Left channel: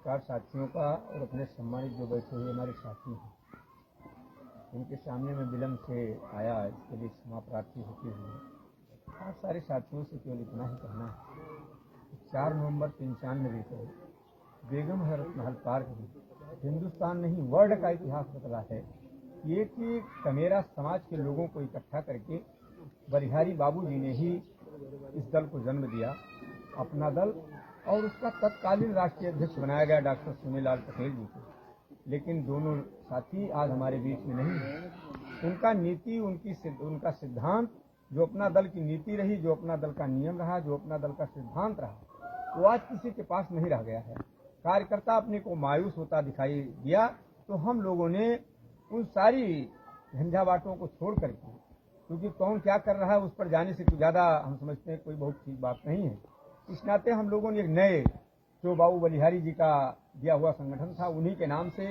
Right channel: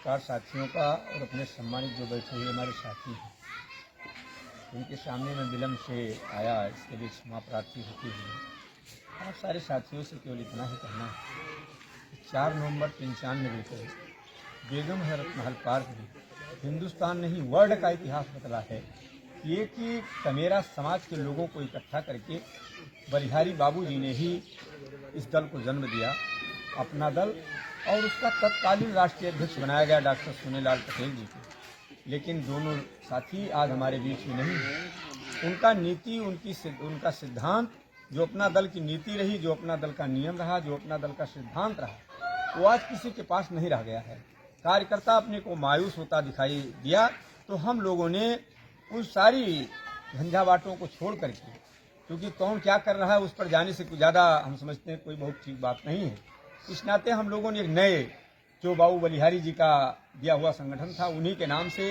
पत्रकार साथियों का और अपने सम्मानित जो बैठे हुए हमारे साथी हैं, उनके सामने मैं विलम्ब से आया, इसके लिए क्षमा प्रार्थी होती हुई आप सारे साथियों से केवल इतना ही कहना है कि 4 नवंबर 95 को बेगम हजरत महल पार्क में हिंदुस्तान नहीं वर्ल्ड का इतिहास बदला है। ये कि कमेरा समाज के लोगों को इकट्ठा करके बलिहारी बाबूजी ने ही इस दल को जन्म दिया, अपना दल, और उसका तत्कालीन राष्ट्रीय अध्यक्ष बनाया गया डॉक्टर सोनेलाल पटेल जी को। लेकिन दोनों साथी आज हमारे बीच में नहीं है। उनका नीति, उनका सिद्धांत, जो अपना दल की नीति रही, जो अपना दल का नियम रहा, जो अपना दल का सिद्धांत रहा, वो आज किसी के पास नहीं रह गया है। कार्यकर्ता अपने को मायूस होता दिखाई दिया, तो हम लोगों ने उन सारी झंझावाटों को छोड़ करके, क्योंकि कौन क्या कर रहा है उस पर जाने से कुछ ज़्यादा हम समझते हैं कोई बहुत ठीक बात नहीं है। इस नाते हम लोगों ने एक नए, जो बाबू बलिहारी जी का दिया हुआ संगठन था, उन्हीं के नाम से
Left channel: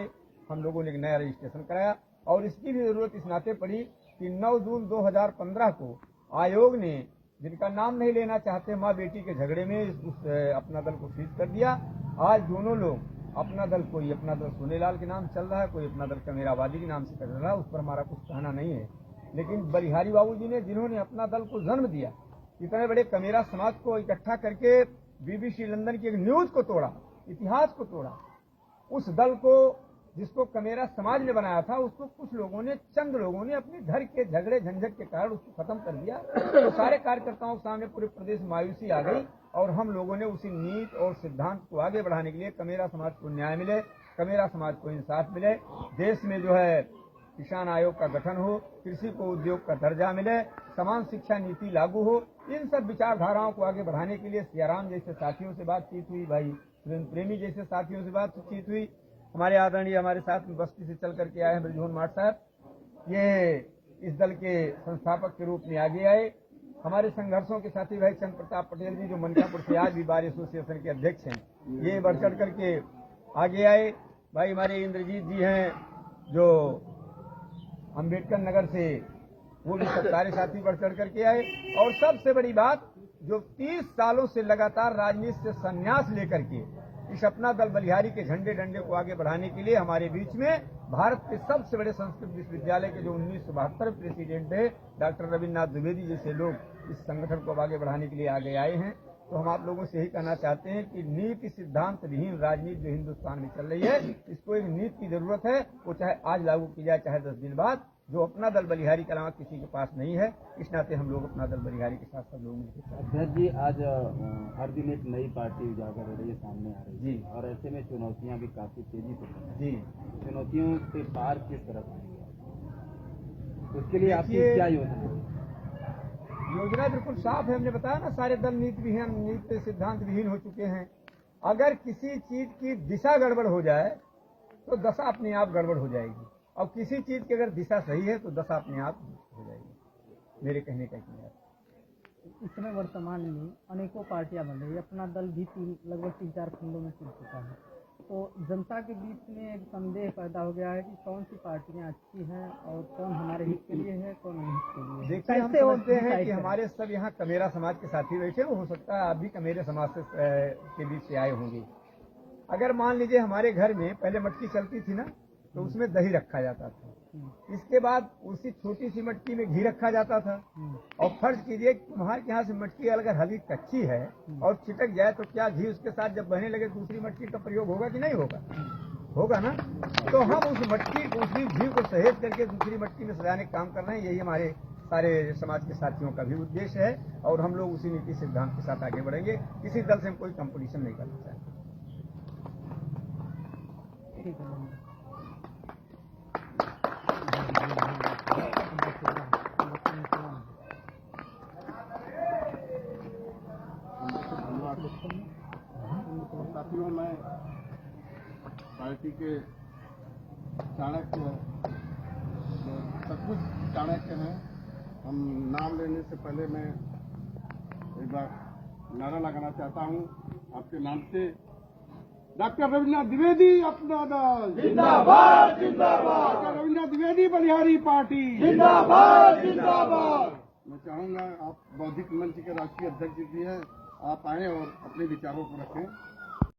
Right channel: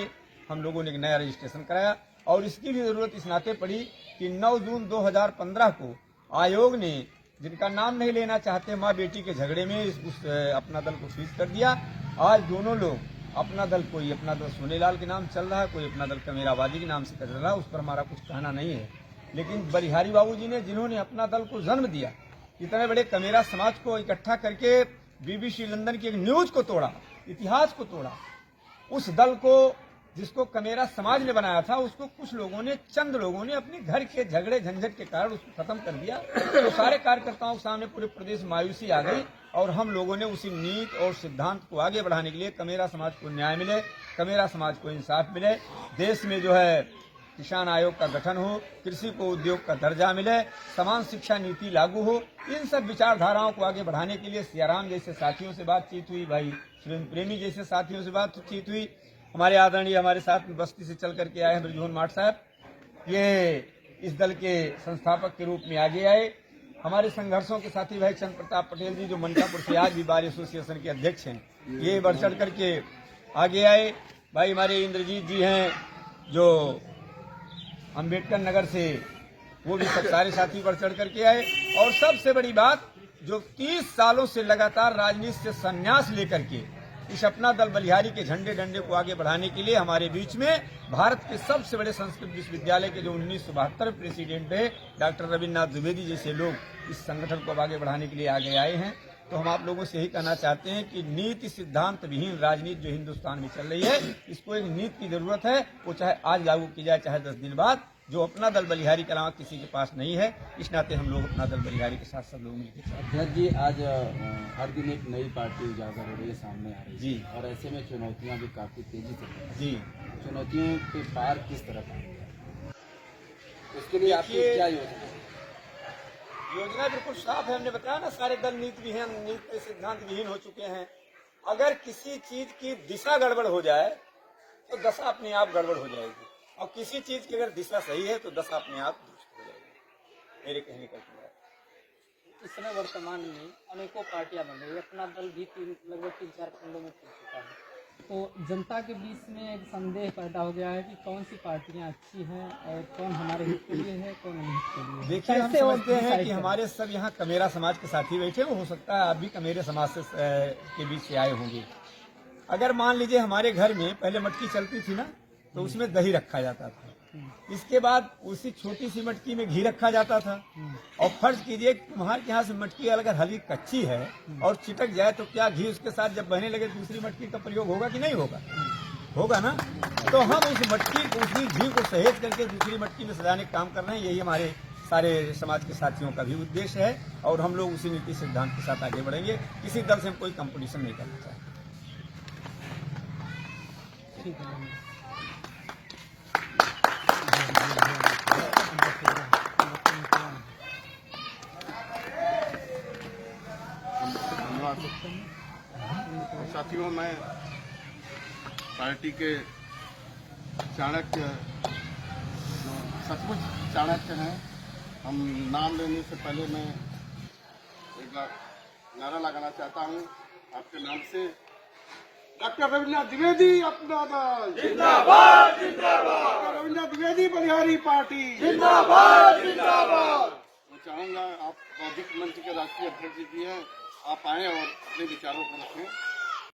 हम लोगों ने एक नया रजिस्ट्रेशन कराया। और इसकी भी ज़रूरत इस नाते पड़ी कि 9 जून 2015 को आयोग ने, जिनका नाम नहीं लेना चाहते, माँ बेटी के झगड़े में अपना दल को फ्रीज कर दिया। आज दोनों लोग अपना दल, कोई अपना दल सोनेलाल के नाम चल रहा है, कोई अपना दल कमेराबादी के नाम से चल रहा है, उस पर हमारा कुछ कहना नहीं है। लेकिन बलिहारी बाबू जी ने, जिन्होंने अपना दल को जन्म दिया, इतने बड़े कमेरा समाज को इकट्ठा करके BBC लंदन की एक न्यूज को तोड़ा, इतिहास को तोड़ा, उस दल को जिसको कमेरा समाज ने बनाया था, उसको कुछ लोगों ने, चंद लोगों ने अपने घर के झगड़े झंझट के कारण उसको खत्म कर दिया। तो सारे कार्यकर्ताओं के सामने पूरे प्रदेश मायूसी आ गई, और हम लोगों ने उसी नीति और सिद्धांत को आगे बढ़ाने के लिए, कमेरा समाज को न्याय मिले, कमेरा समाज को इंसाफ मिले, देश में जो है किसान आयोग का गठन हो, कृषि को उद्योग का दर्जा मिले, समान शिक्षा नीति लागू हो, इन सब विचारधाराओं को आगे बढ़ाने के लिए सियाराम जैसे साथियों से बातचीत हुई, भाई सुरेंद्र प्रेमी जैसे साथियों से बातचीत हुई, हमारे आदरणीय, हमारे साथ बस्ती से चल करके आए हैं ब्रजमोहन माठ साहब, ये इस दल के संस्थापक के रूप में आगे आए। हमारे संघर्षों के साथी भाई चंद्र प्रताप पटेल जी, जो मनकापुर से आज भी बार एसोसिएशन के अध्यक्ष हैं, ये बढ़ चढ़ करके आगे आए। भाई हमारे इंद्रजीत जी हैं, जो अम्बेडकर नगर से, वो भी सब सारे साथी बढ़ चढ़ करके आए। और सबसे बड़ी बात, जो 30 सालों से लगातार राजनीति से संन्यास लेकर के इस अपना दल बलिहारी के झंडे डंडे को आगे बढ़ाने के लिए हमारे बीच में भारत के सबसे बड़े संस्कृत विश्वविद्यालय के जो 1972 प्रेसिडेंट है डॉक्टर रविन्द्रनाथ द्विवेदी जैसे लोग इस संगठन को आगे बढ़ाने के लिए आगे आए हैं। तो हम आप लोगों से यही कहना चाहते हैं कि नीति सिद्धांत विहीन राजनीति जो हिंदुस्तान में चल रही है, इसको एक नीति की जरूरत है। वो चाहे आज लागू की जाए, चाहे 10 दिन बाद, जो अपना दल बलिहारी के अलावा किसी के पास नहीं है। इस नाते हम लोग अपना दल बलिहारी के साथ सब लोग मिलकर। अध्यक्ष जी, आज हर दिन एक नई पार्टी उजागर हो रही है, सामने आ रही है जी, और ऐसे में चुनौतियां भी काफी तेजी से जी, चुनौतियों के पार किस तरह पाएंगे, उसके लिए आपकी क्या योजना है? योजना बिल्कुल साफ है। हमने बताया ना, सारे दल नीति विहीन, नीति सिद्धांत विहीन हो चुके हैं। अगर किसी चीज की दिशा गड़बड़ हो जाए तो दशा अपने आप गड़बड़ हो जाएगी, और किसी चीज की अगर दिशा सही है तो दशा अपने आप दुरुस्त हो जाएगी। मेरे कहने का मतलब इस समय वर्तमान में अनेकों पार्टियां बन रही है, अपना दल भी लगभग 3-4 खंडों में टूट चुका है। तो जनता के बीच में एक संदेह पैदा हो गया है कि कौन सी पार्टियां अच्छी हैं और कौन हमारे हित के लिए है, कौन अनहित के लिए है। देखिए, हम समझते हैं कि हमारे सब यहाँ कमेरा समाज के साथी बैठे, हो सकता है आप भी कमेरे समाज से के बीच से आए होंगे। अगर मान लीजिए हमारे घर में पहले मटकी चलती थी ना, तो उसमें दही रखा जाता था, इसके बाद उसी छोटी सी मटकी में घी रखा जाता था। और फर्ज कीजिए तुम्हारे यहाँ से मटकी अगर हल्की कच्ची है और चिटक जाए तो क्या घी उसके साथ जब बहने लगे दूसरी मटकी का प्रयोग होगा कि नहीं होगा? होगा ना। तो हम उस मटकी को, उसी घी को सहेज करके दूसरी मटकी में सजाने का काम कर रहे हैं। यही हमारे सारे समाज के साथियों का भी उद्देश्य है, और हम लोग उसी नीति सिद्धांत के साथ आगे बढ़ेंगे। किसी दल से हम कोई कंपटीशन नहीं करना चाहते। ठीक है। साथियों, मैं पार्टी के चाणक्य, जो सचमुच चाणक्य हैं, हम नाम लेने से पहले मैं एक नारा लगाना चाहता हूँ आपके नाम से। डॉक्टर रविन्द्रनाथ द्विवेदी अपना दल जिंदाबाद, जिंदाबाद। डॉक्टर रविन्द्रनाथ द्विवेदी बलिहारी पार्टी जिंदाबाद, जिंदाबाद। मैं चाहूँगा, आप बौद्धिक मंच के राष्ट्रीय अध्यक्ष जी भी हैं, आप आएँ और अपने विचारों को रखें।